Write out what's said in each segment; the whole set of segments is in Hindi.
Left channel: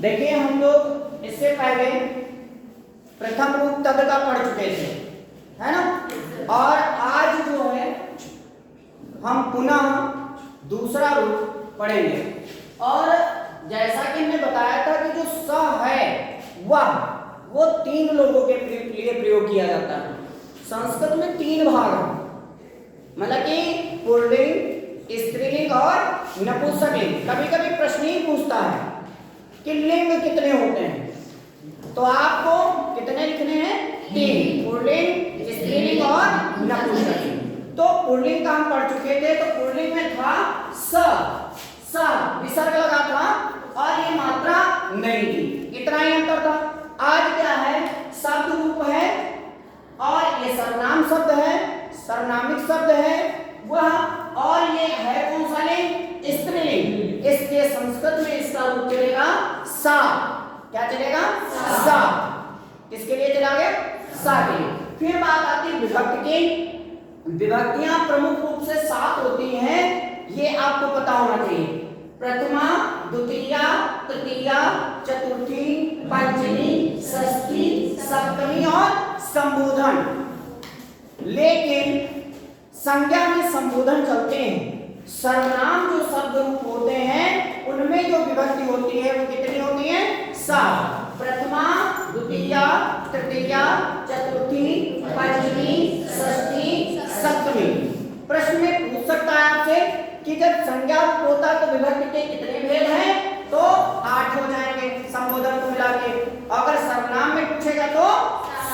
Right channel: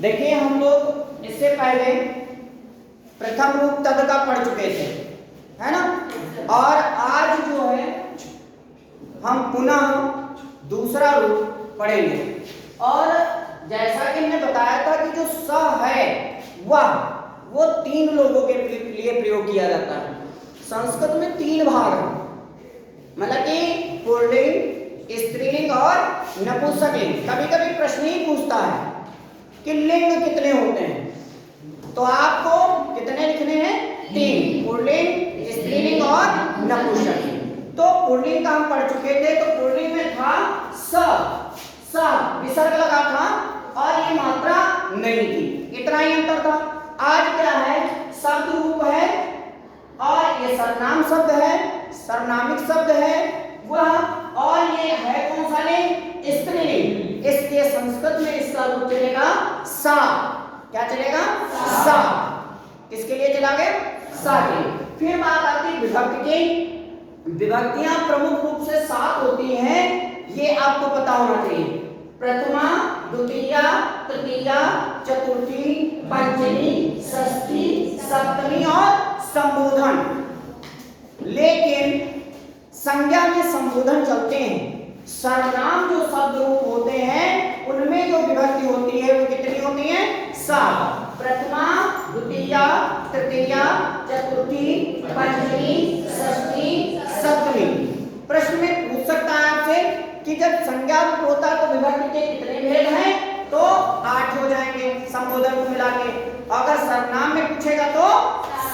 देखिए हम लोग इससे पहले प्रथम रूप तद का पढ़ चुके थे, है ना। और आज जो है हम पुनः दूसरा रूप पढ़ेंगे। और जैसा कि हमने बताया था कि जो स है वह वो 3 लोगों के लिए प्रयोग किया जाता है। संस्कृत में 3 भाग हैं, मतलब कि पुल्लिंग, स्त्रीलिंग और नपुंसकलिंग। कभी कभी प्रश्न ही पूछता है कि लिंग कितने होते हैं, तो आपको कितने लिखने हैं? 3, पुल्लिंग, स्त्रीलिंग और नपुंसकलिंग। तो पुल्लिंग का हम पढ़ चुके थे, तो पुल्लिंग में था स विसर्ग लगा था और ये मात्रा नहीं थी, इतना ही अंतर था। आज क्या है, शब्द रूप है और ये सर्वनाम शब्द है, सर्वनामिक शब्द है वह, और ये है कौन सा लिंग? स्त्रीलिंग। इसलिए संस्कृत में इसका रूप चलेगा सा। क्या चलेगा? सा। किसके लिए चला गया? सा के लिए। फिर बात आती है विभक्ति की। विभक्तियां प्रमुख रूप से 7 होती हैं, ये आपको पता होना चाहिए। प्रथमा, द्वितीया, तृतीया, चतुर्थी, पंचमी, षष्ठी, सप्तमी और संबोधन। लेकिन संज्ञा में संबोधन चलते हैं। सर्वनाम जो शब्द रूप होते हैं उनमें जो विभक्ति होती है वो कितनी होती है? 7। प्रथमा, द्वितीया, तृतीया, चतुर्थी, पंचमी, षष्ठी, सप्तमी। प्रश्न में पूछ सकता है आपसे कि जब संज्ञा रूप होता है तो विभक्ति के कितने भेद हैं? तो 8 हो जाएंगे संबोधन को मिला के। अगर सर्वनाम में पूछेगा तो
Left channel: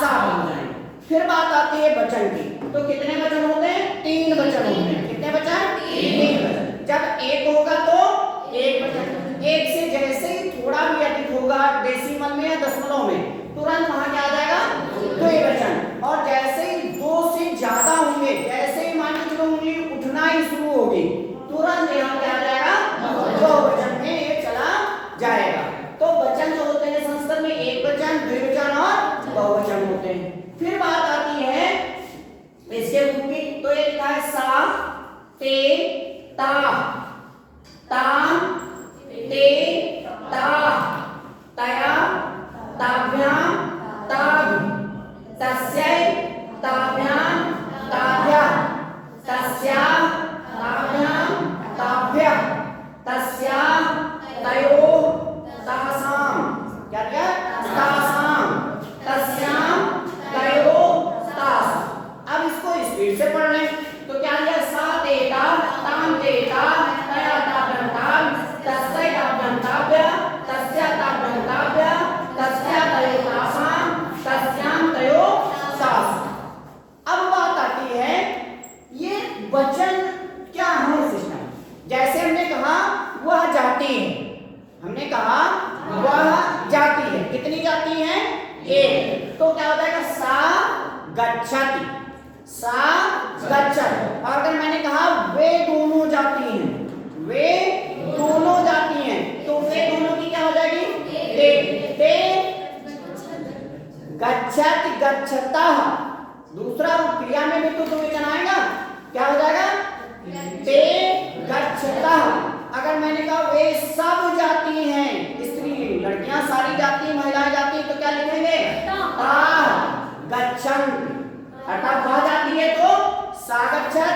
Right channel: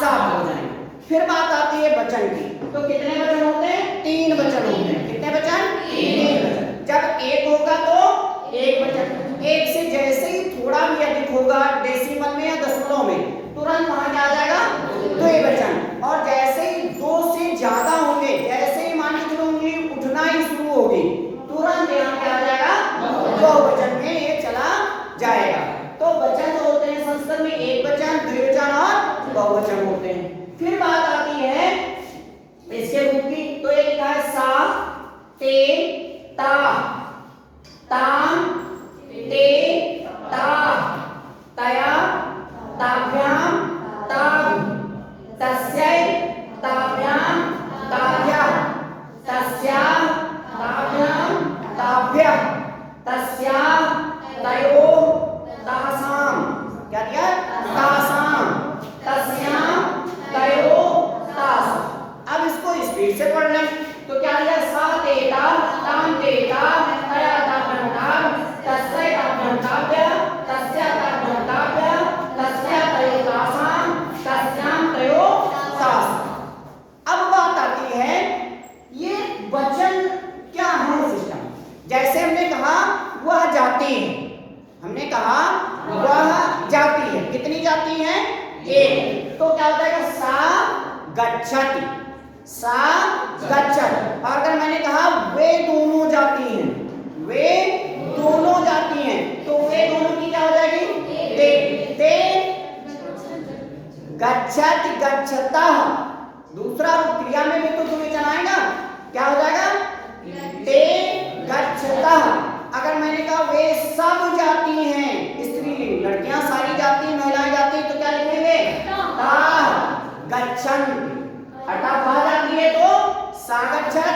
7 हो जाएंगे। फिर बात आती है वचन की, तो कितने वचन होते हैं? 3 वचन होते हैं। कितने वचन? 3 वचन। जब 1 होगा तो 1 वचन। 1 से जैसे ही थोड़ा भी अधिक होगा डेसिमल में या दशमलव में, तुरंत वहां क्या आ जाएगा? 2 वचन। और जैसे ही 2 से ज्यादा होंगे, जैसे ही मान लीजिए उंगली उठना ही शुरू होगी, तुरंत यहाँ क्या आ जाएगा? 2 वचन में ये चला जाएगा। तो वचन जो होते हैं संस्कृत में 1 वचन, 2 वचन और बहुवचन होते हैं। फिर बात आती है इसके रूप की, तो एक लिखा है सा, ते, ता, ताम, ते, ता, तया, ताभ्याम, ताभ, तस्यै, ताभ्याम, ताभ्या, तस्या, ताभ्याम, ताभ्या, तस्या, तयोः, तासाम। क्या दिया? तासाम, तस्याम, तयोः, तासाम। अब इसको स्पीड से पढ़ लें तो क्या लिया? सा तेता, ताम तेता, तया ताभ्याम ताभ, तस्यै ताभ्याम ताभ्या, तस्या ताभ्याम ताभ्या, तस्या तयोः तासाम, तस्याम तयोः तासाम। अब बात आती है ये वचन क्या है सिस्टम। जैसे हमने कहा वह जाती है, हमने कहा वह जाती है। कितनी जाती है? 1। तो क्या होता है? सा गच्छति, सा गच्छति। अगर मैंने कहा वे दोनों जाती हैं, वे दोनों जाती हैं, तो वे दोनों की क्या हो जाएगी? ते गच्छति, गच्छतः। दूसरा क्रिया में भी तो 2 वचन आएगा, क्या हो जाएगा? ते गच्छतः। अगर मैंने कहा वे सब जाती हैं, स्त्रीलिंग, लड़कियां सारी जाती हैं, महिलाएं जाती हैं, तो क्या लिखेंगे? ताः गच्छन्ति। अर्थात वह जाती है तो सा गच्छत,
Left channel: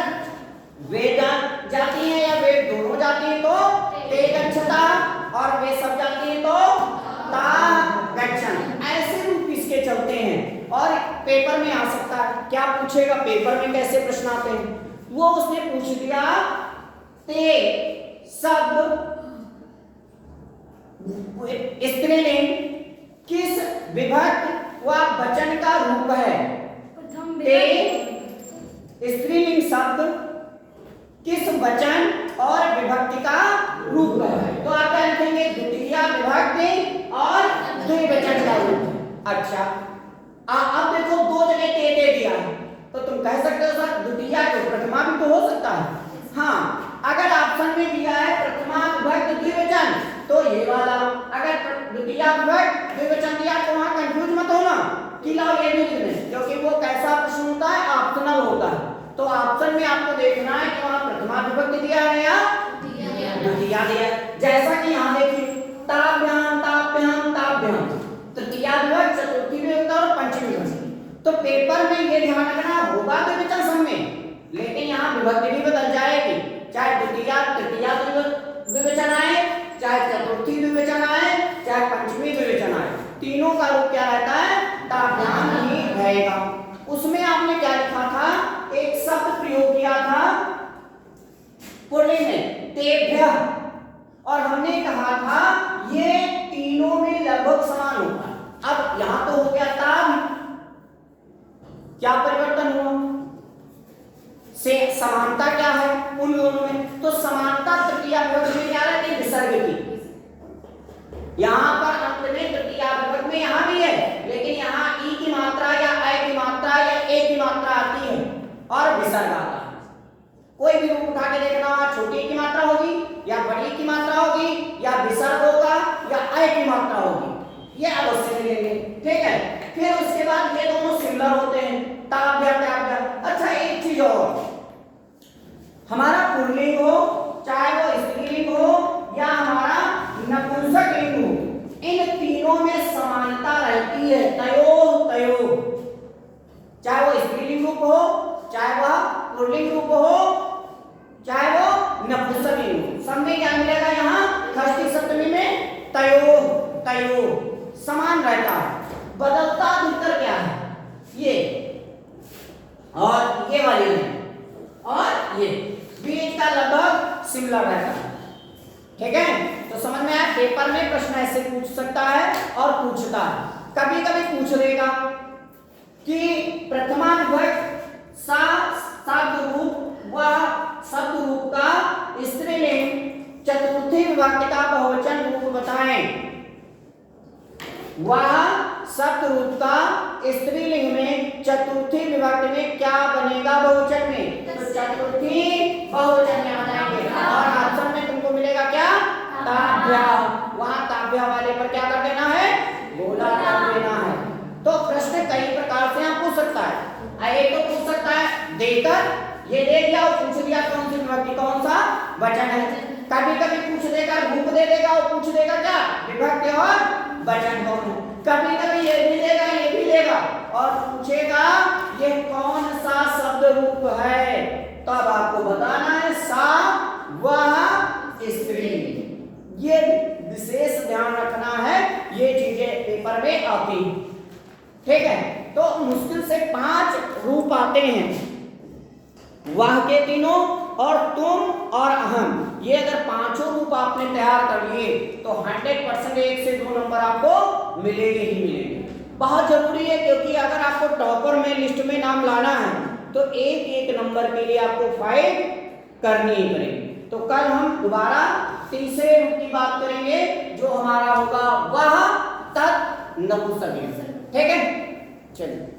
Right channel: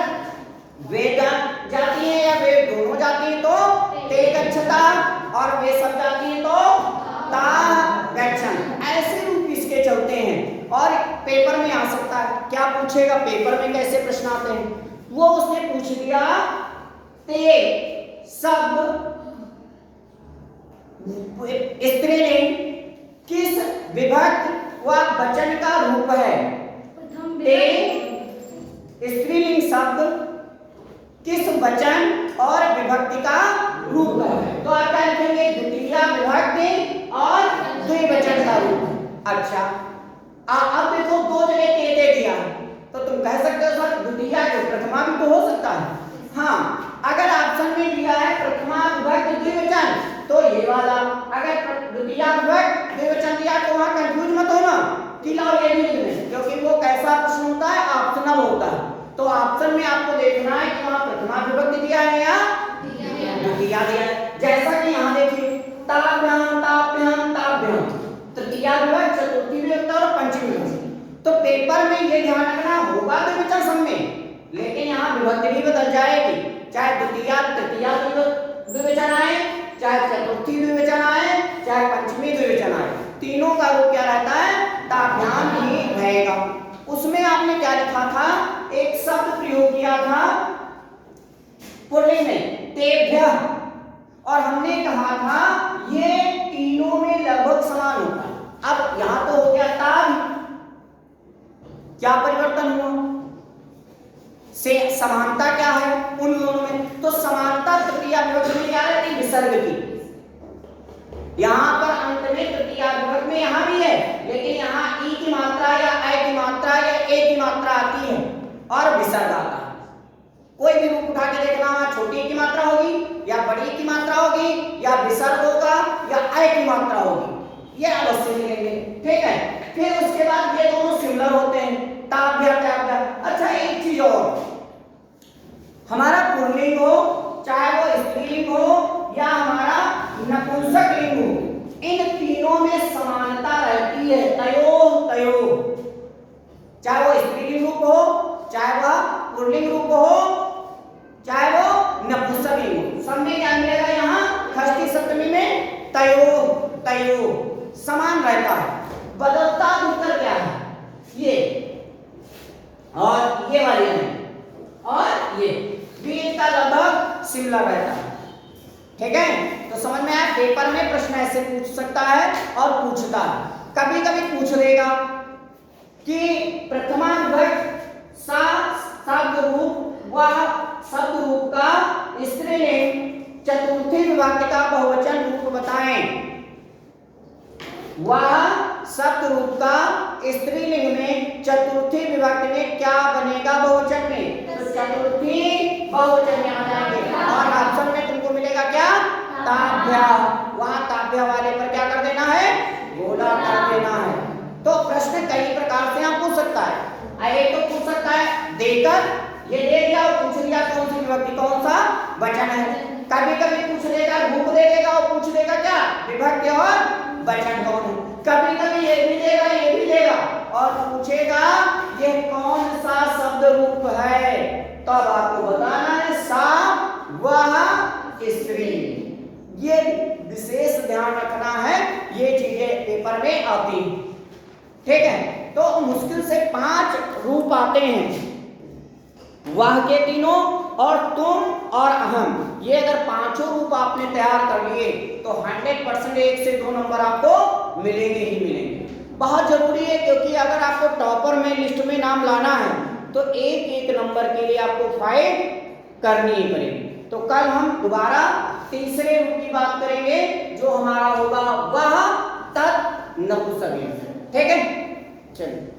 वे जाती हैं या वे दोनों जाती हैं तो ते गच्छतः, और वे सब जाती हैं तो ताः गच्छन्ति। ऐसे रूप इसके चलते हैं और पेपर में आ सकता है। क्या पूछेगा पेपर में? कैसे प्रश्न आते हैं वो उसने पूछ दिया। ते शब्द स्त्रीलिंग किस विभक्त व वचन का रूप है? ते स्त्रीलिंग शब्द किस वचन और विभक्ति का रूप है? तो आप क्या लिखेंगे? द्वितीया विभक्ति और द्विवचन का रूप। अच्छा, अब देखो 2 जगह ते दे दिया है, तो तुम कह सकते हो सर द्वितीया को प्रथमा भी तो हो सकता है। हाँ, अगर ऑप्शन में दिया है प्रथमा विभक्त द्विवचन तो ये वाला, अगर द्वितीया विभक्त द्विवचन दिया तो वहां कंफ्यूज मत होना कि लाओ ये भी लिख दें, क्योंकि वो कैसा प्रश्न होता है? ऑप्शनल होता है। तो ऑप्शन में आपको देखना है कि वहां प्रथमा विभक्त दिया है या द्वितीया दिया है। जैसा कि यहाँ देखिए ताभ्याम ताभ्याम विभक्त, चतुर्थी विभक्त और पंचमी विभक्त। तो पेपर में ये ध्यान रखना होगा द्विवचन सब में, लेकिन यहाँ विभक्ति भी बदल जाएगी, चाहे द्वितीया तृतीया द्विवचन आए, चाहे चतुर्थी द्विवचन आए, चाहे पंचमी द्विवचन आए, तीनों का रूप क्या रहता है, ताभ्याम ही रहेगा। उसमें आपने क्या लिखा था, एक शब्द प्रयोग किया था पुल्लिंग में, तेभ्यः, और हमने कहा था ये तीनों में लगभग समान होता है। अब यहां तो हो गया ताभ, क्या परिवर्तन हुआ, से समानता क्या है उन दोनों में, तो समानता तृतीया विभक्ति में क्या रहती है, विसर्ग की। यहां पर अंत में तृतीया विभक्ति में यहां भी है, लेकिन यहां ई की मात्रा या ऐ की मात्रा या ए की मात्रा आती है और विसर्ग आता है। कोई भी रूप उठा के देखना, वहां छोटी की मात्रा होगी या बड़ी की मात्रा होगी या विसर्ग होगा या ऐ की मात्रा होगी, ये अवश्य मिलेंगे। ठीक है, फिर उसके बाद ये दोनों सिमिलर होते हैं, ताभ्या ताभ्या। अच्छा एक चीज और, हमारा पुल्लिंग हो चाहे वो स्त्रीलिंग हो या हमारा नपुंसक लिंग हो, इन तीनों में समानता रहती है, तयोः तयोः, चाहे वो स्त्रीलिंग रूप हो, चाहे वह पुल्लिंग रूप हो, चाहे वो नपुंसक लिंग हो, सब में क्या मिलेगा, यहाँ षष्ठी सप्तमी में तयोः तयोः समान रहता है। बदलता अंतर क्या है, ये और ये वाली नहीं, और ये बीच का लगभग सिमिलर रहता है। ठीक है, तो समझ में आया, पेपर में प्रश्न ऐसे पूछ सकता है और पूछता है, कभी कभी पूछ लेगा कि प्रथमा विभक्त सा शब्द रूप व शब्द रूप का स्त्रीलिंग, चतुर्थी विभक्ति का बहुवचन रूप बताएं। वह शब्द रूप का स्त्रीलिंग में चतुर्थी विभक्ति में क्या बनेगा बहुवचन में, तो चतुर्थी बहुवचन में आ जाएंगे और ऑप्शन में तुमको मिलेगा क्या, ताभ्या। वहां ताभ्या वाले पर क्या कर देना है, गोला कर देना है। तो प्रश्न कई प्रकार से आप पूछ सकता है, एक तो पूछ सकता है देकर ये दे दिया और पूछ लिया कौन सी विभक्ति कौन सा वचन है। कभी कभी पूछ देगा, रूप दे देगा और पूछ देगा क्या, विभक्ति और वचन कौन है। कभी कभी ये भी देगा ये भी देगा और पूछेगा ये कौन सा शब्द रूप है, तो अब आपको बताना है सा वह स्त्रीलिंग। ये विशेष ध्यान रखना है, ये चीजें पेपर में आती हैं। ठीक है, तो मुश्किल से 5 रूप आते हैं, वह के तीनों और तुम और अहम, ये अगर 5 रूप आपने तैयार कर लिए तो 100% 1 से 2 नंबर आपको मिलेंगे ही मिलेंगे। बहुत जरूरी है, क्योंकि अगर आपको टॉपर में लिस्ट में नाम लाना है तो एक एक नंबर के लिए आपको फाइट करनी ही पड़ेगी। तो कल हम दोबारा तीसरे रूप की बात करेंगे जो हमारा होगा वह तत् नपुंसकलिंग। ठीक है, चलिए।